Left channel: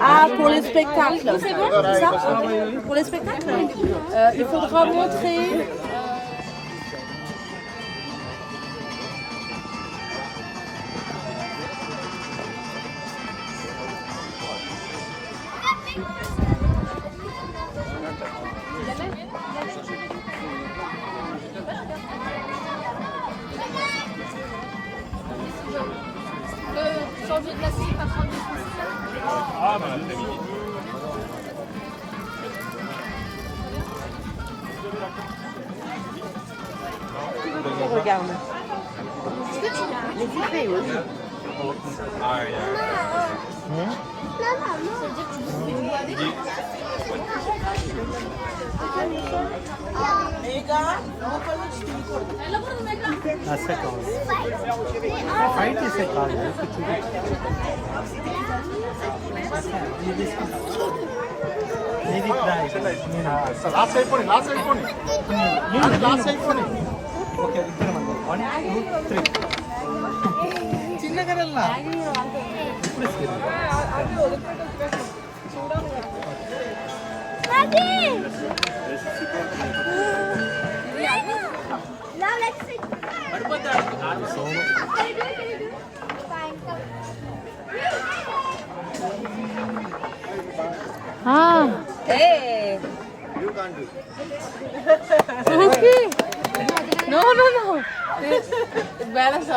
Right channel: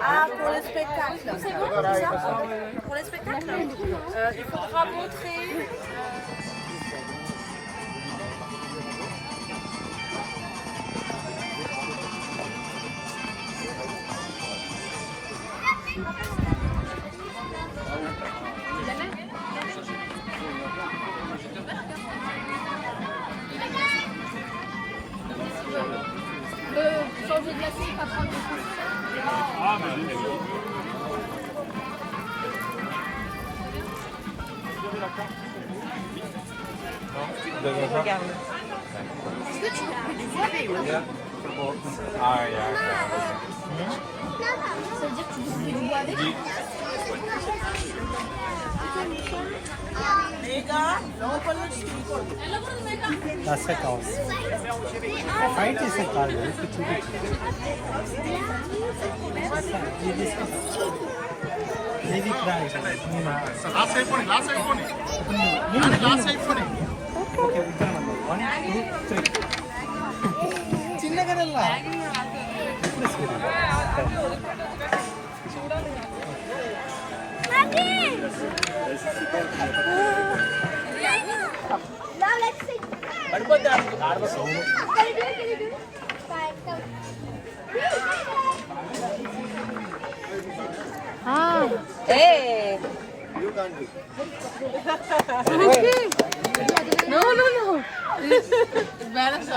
Ah, pour les spectacles. C'est bon, c'est ça? Pour les spectacles, il faudra montrer. Regarde. Est-ce que tu peux les vidéos? Ah, ça veut dire que tu dis avec? That's the cause. Fight is a cause. Maybe try. Last side for last side for Okay, 1, 2, 3. చిన్నగానల్లా ఇప్పుడు Hey! You can't do. Non.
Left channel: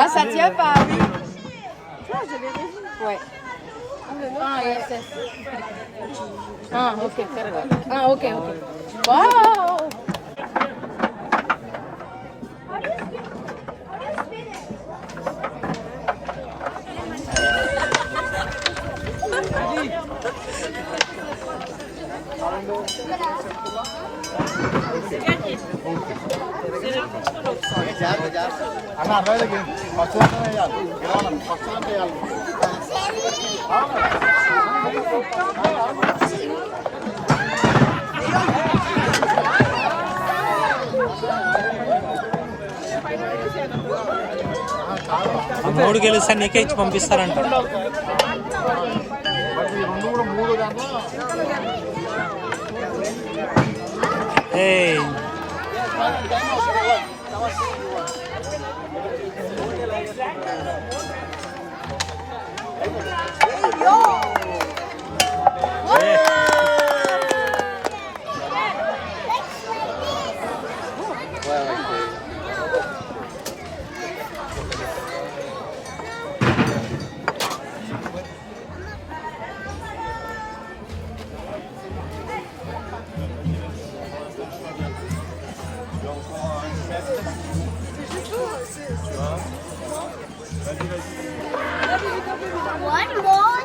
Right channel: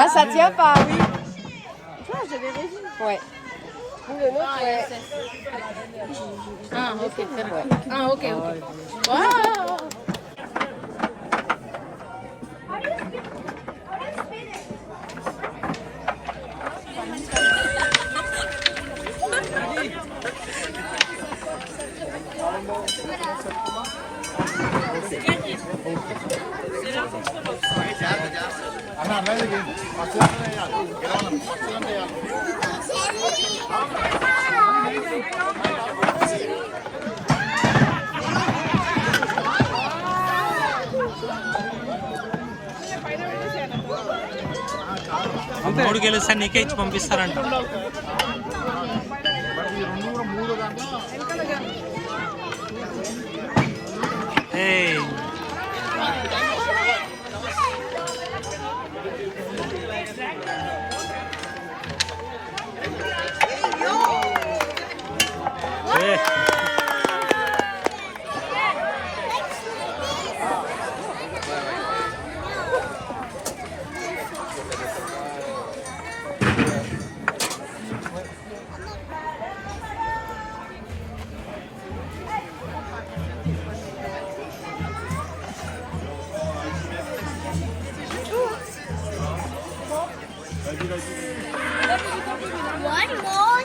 Ah, ça tient pas, oui. Ouais. Ah, ok. Ah, ok. Wow! Anna, right again. ఆ 3 గెలుస్తా నీకే ఇచ్చి పంపిస్తారంట. ఏయ్ One more.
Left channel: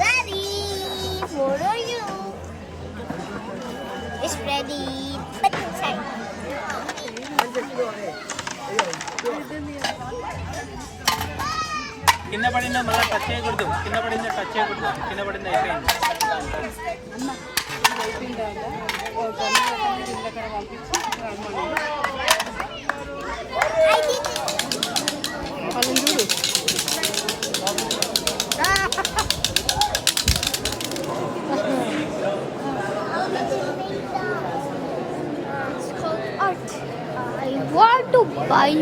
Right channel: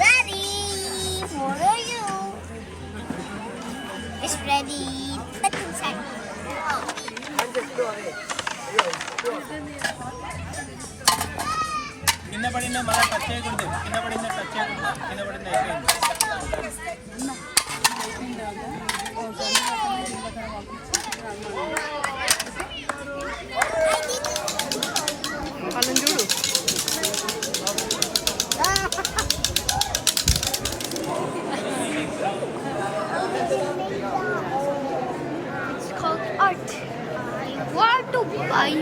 Ready for you. It's ready. కింద పడిందా మళ్ళీ touch చేయకూడదు. కింద పడిందా టచ్ చేయకూడదు. కింద పడిందా అయిపోయింది. వాళ్ళని చూడు. It's called art. I want to buy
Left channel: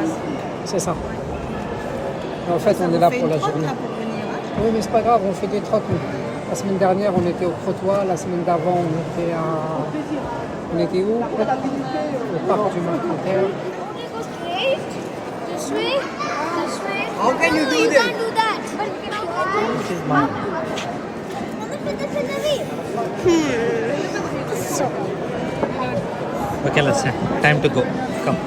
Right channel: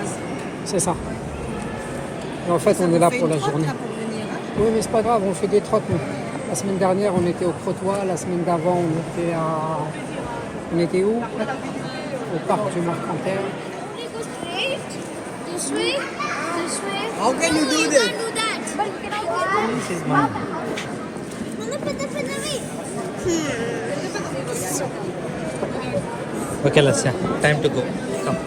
one. C'est ça. Et en fait, on est là pour la journée. Oui, mais c'est pas grave, on fait 2-3 coups. La semaine dernière, on était au Crotoy. La semaine d'avant, on était à... On était où? Au parc du Monumental. This way. How can you do this? Do that. This is mine. Okay, let's say. Time to go. Come.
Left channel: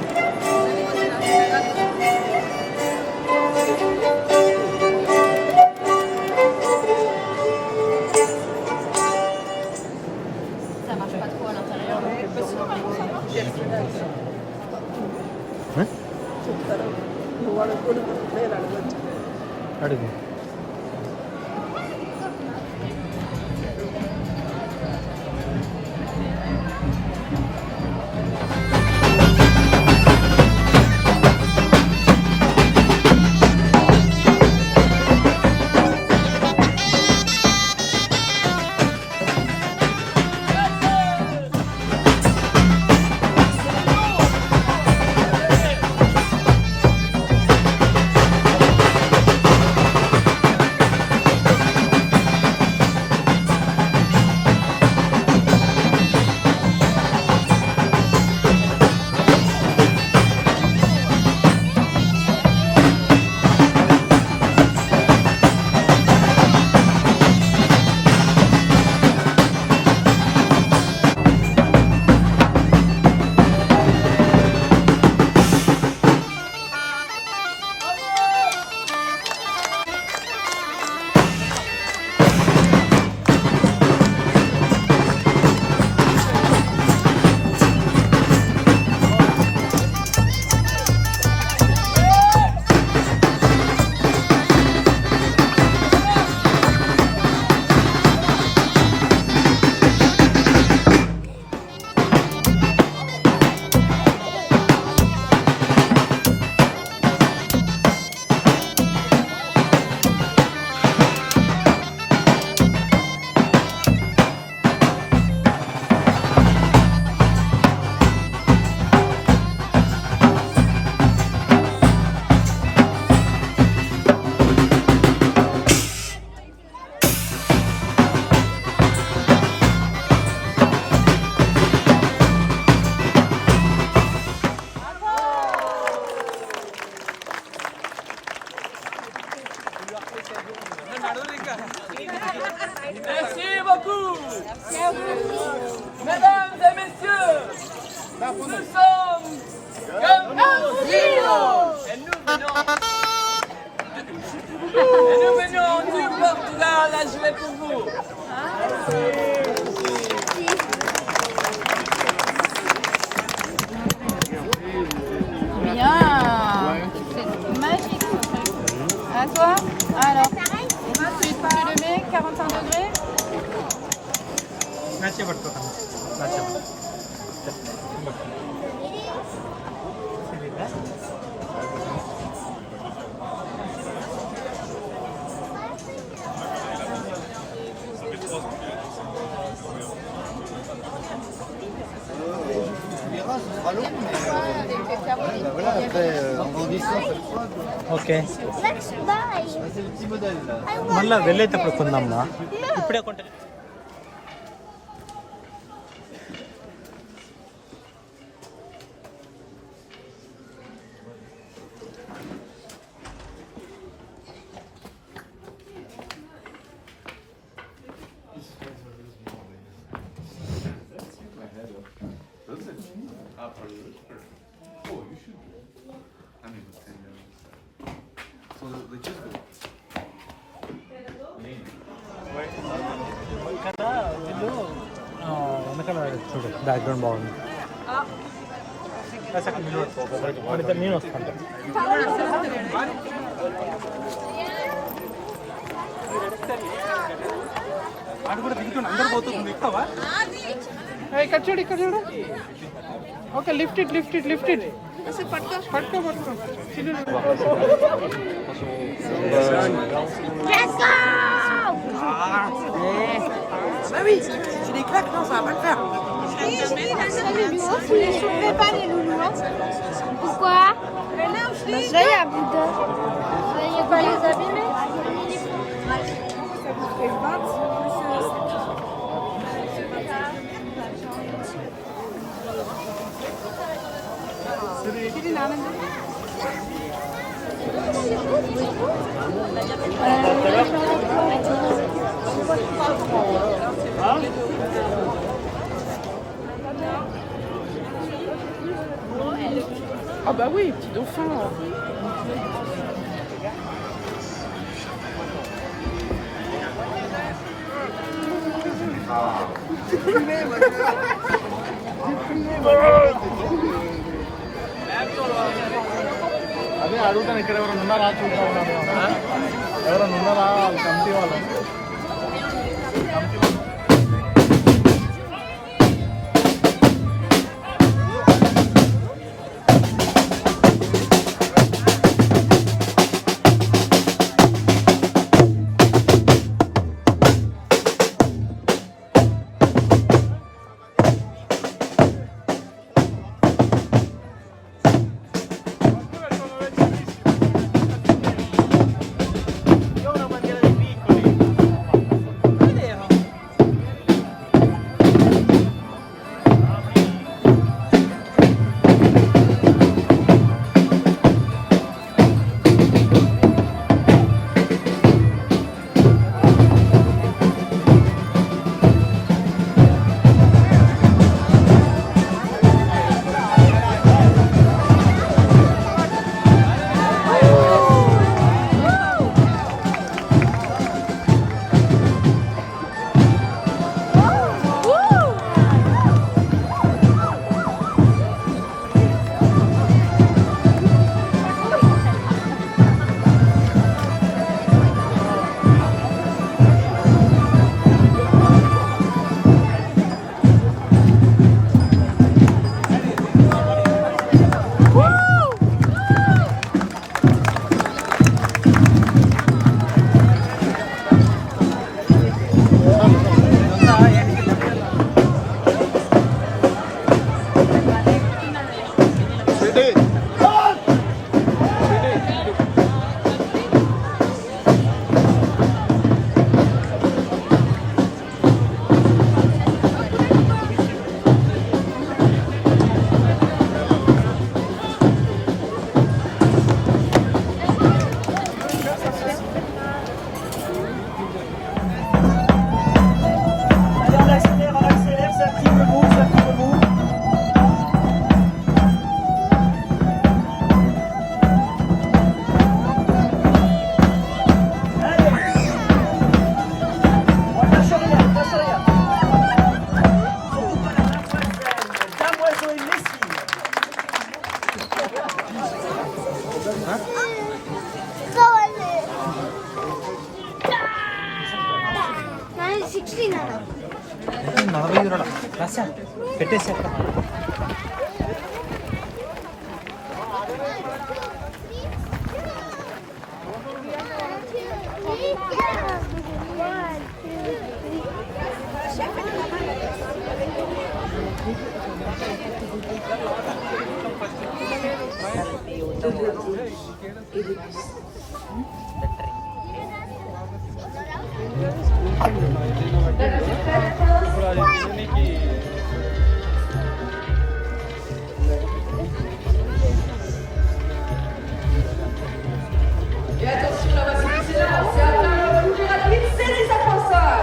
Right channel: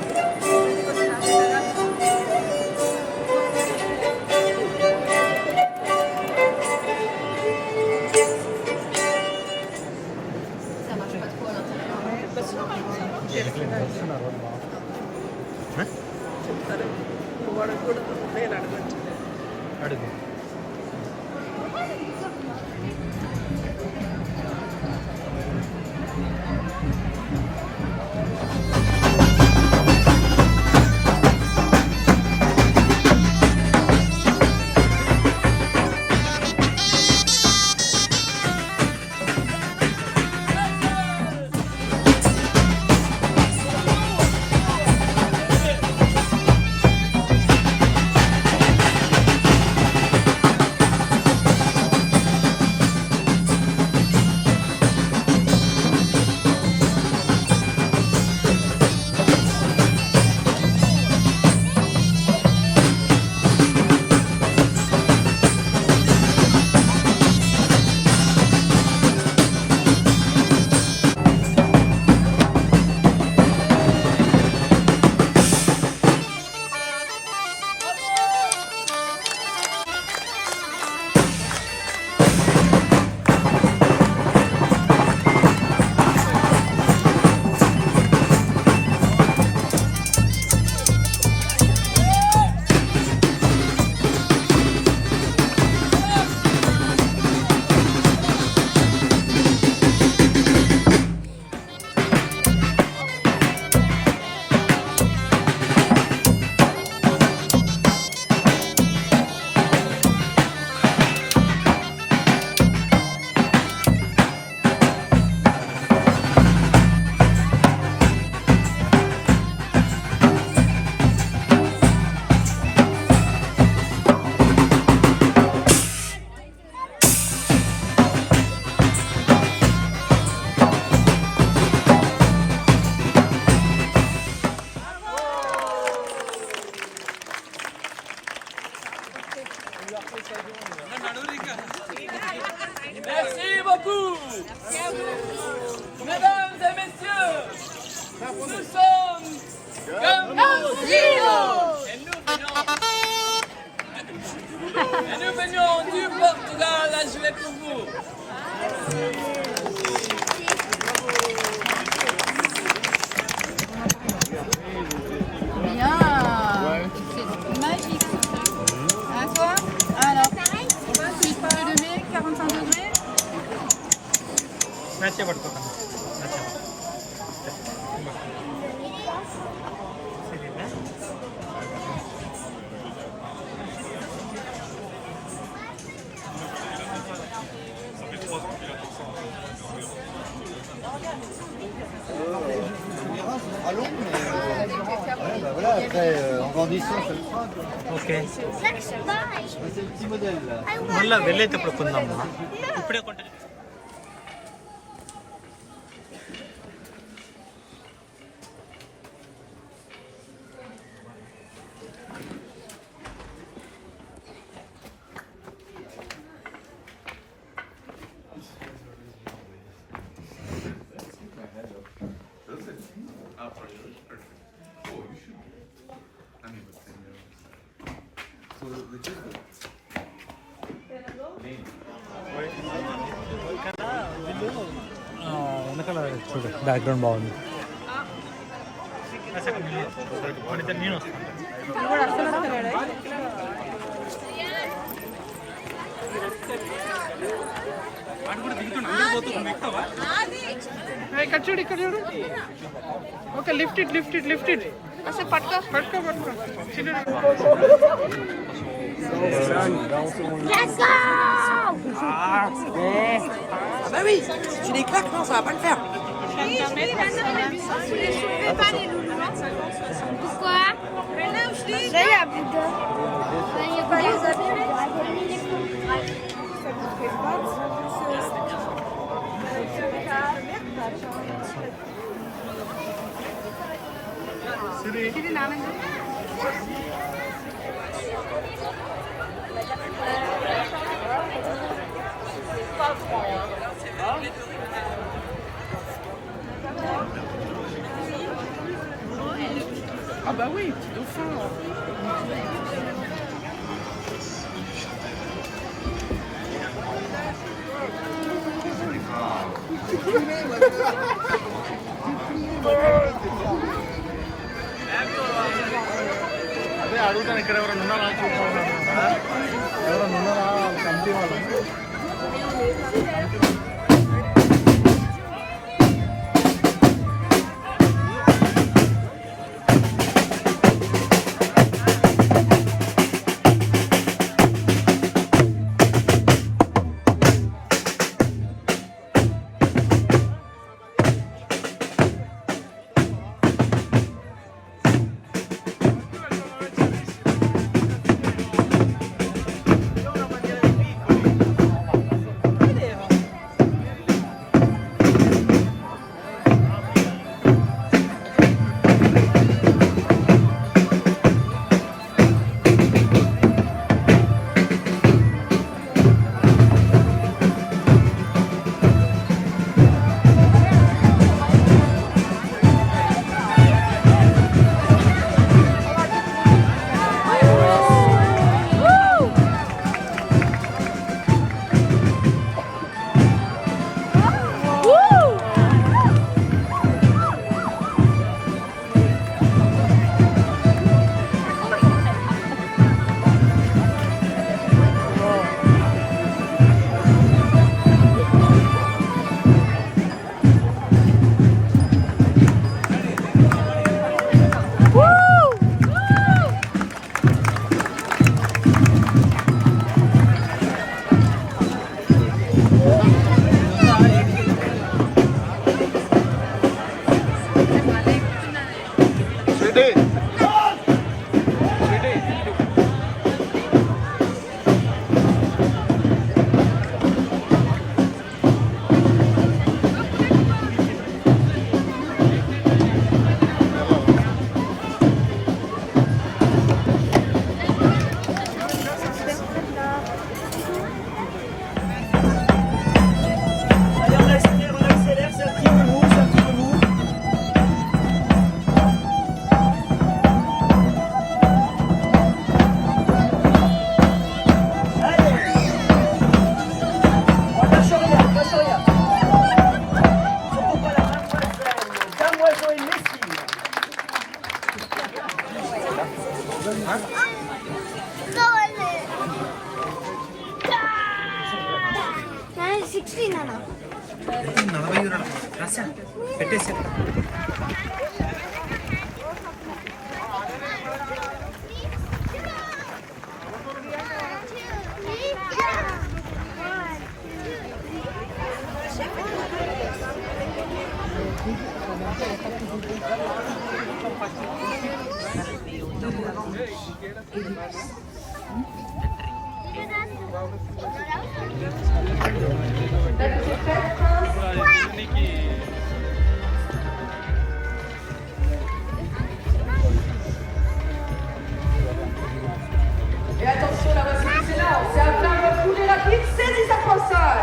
చెప్తారు నువ్వు అడగకూడదు నేను అడగచ్చు అడుగు Merci beaucoup. Mesdames et messieurs, nous sommes comme et nous venons du Portugal à jouer pour vous. Bien. C'est magique. À toi. Alors. Tu le mets 45 degrés. నాచే పట్టుకోకండి నాచే సరిదా Allons, mais ouais, bah voilà, après en grandissant, ça le fera. Okay Let's buy. C'est le petit modèle là. I want. మళ్ళీ వెళ్ళేటప్పుడు కొందాము ఇప్పుడే కొంటే వెనకాల చూడు background బాగుంది అసలు నేను మన ఇద్దరు నేను వస్తాను ఆడు కూడా దిగుతుంది అందరూ పోతుంది ఎక్కువ ఇక్కడ చూడు ఇక్కడ చూడు ఓకే లిఫ్ట్ ఇట్ అసలు పట్టుకో Let's go. Ah oui, tu les claques, non, ça va pas le faire. Tu les soulevais pas les loulous. Pourquoi? Là, il y a Bouddha. Il n'y a pas les abîmer. Ah bah oui, petit dauphin. J'ai fumé, అడుగుతాను ఇక్కడ ఎవరైనా ఉన్నారా చూద్దాం ఎవరైనా ఉన్నారా committee వాళ్ళు Et attention, la voici excellente. C'est à plein de bouger la piste, saisis sa console.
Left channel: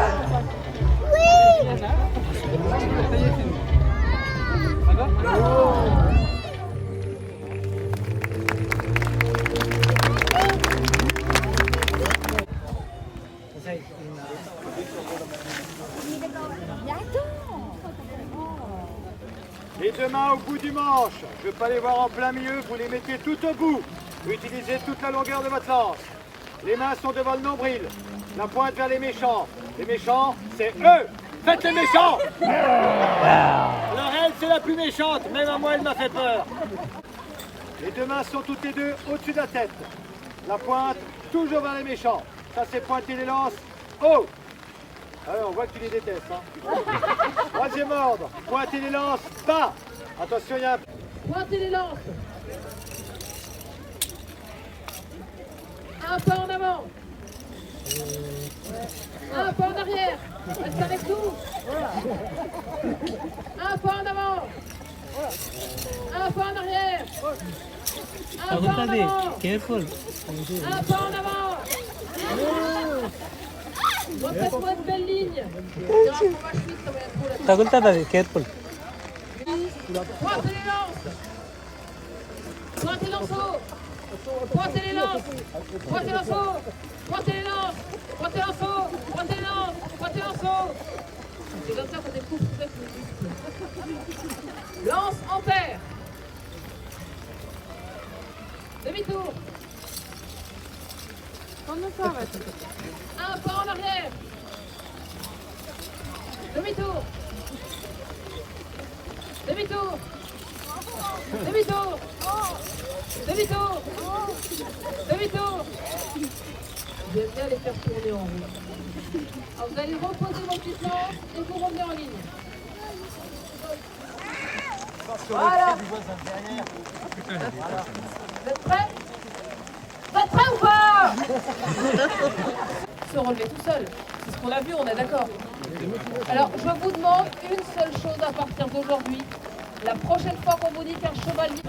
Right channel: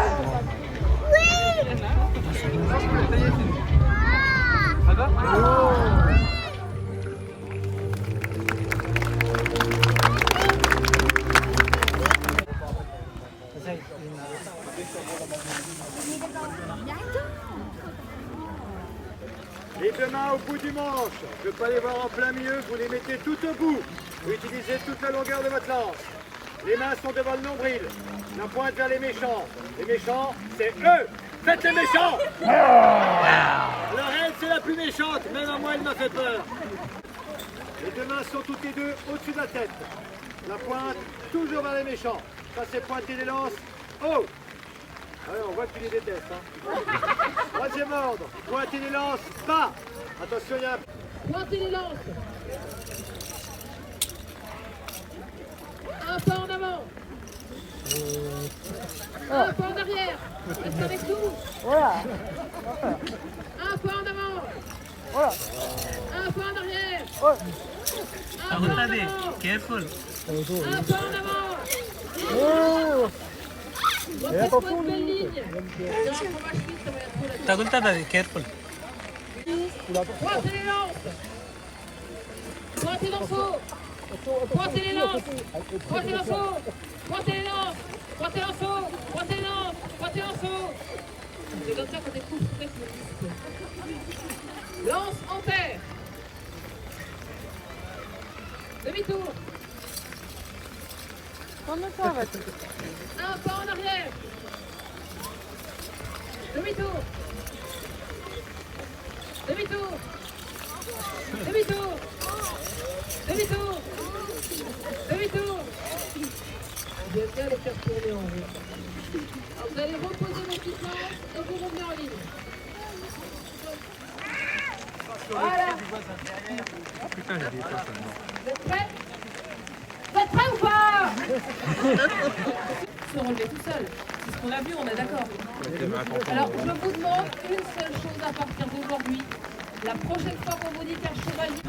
Les deux mains au bout du manche. Je ne veux pas les voir en plein milieu, vous les mettez tout au bout. Vous utilisez toute la longueur de votre lance. Les mains sont devant le nombril. La pointe vers les méchants. Les méchants, c'est eux. Faites les méchants. Leur aile, c'est la plus méchante. Même à moi, elle m'a fait peur. Les deux mains sont toutes les deux au-dessus de la tête. La pointe, toujours vers les méchants. Ça, c'est pointer les lances haut. Alors, on voit que tu les détestes. Hein. Troisième ordre. Pointer les lances bas. Attention, il y a un... Pointez les lances. Un pas en avant. Un pas en arrière. Reste avec nous. Un pas en avant. Un pas en arrière. Un pas en avant. Careful. Un pas en avant. Refaites-moi une belle ligne. Careful. Pointez les lances. Pointez l'enceau. Pointez les lances. Pointez l'enceau. Pointez les lances. Pointez l'enceau. Pointez les lances. Pointez l'enceau. J'ai bien sûr que des coups peut-être. Lance en terre. Demi-tour. Un pas en arrière. Demi-tour. Demi-tour. Demi-tour. Demi-tour. Demi-tour. Je vais bien les faire tourner en rond. Alors, vous allez reposer vos petites lances et vous revenez en ligne. Voilà. Vous êtes prêts? Vous êtes prêts ou pas? Se relever tout seul. C'est ce qu'on a vu, on est d'accord. Alors, je vous demande une seule chose à partir d'aujourd'hui. La prochaine fois qu'on vous dit qu'un chevalier...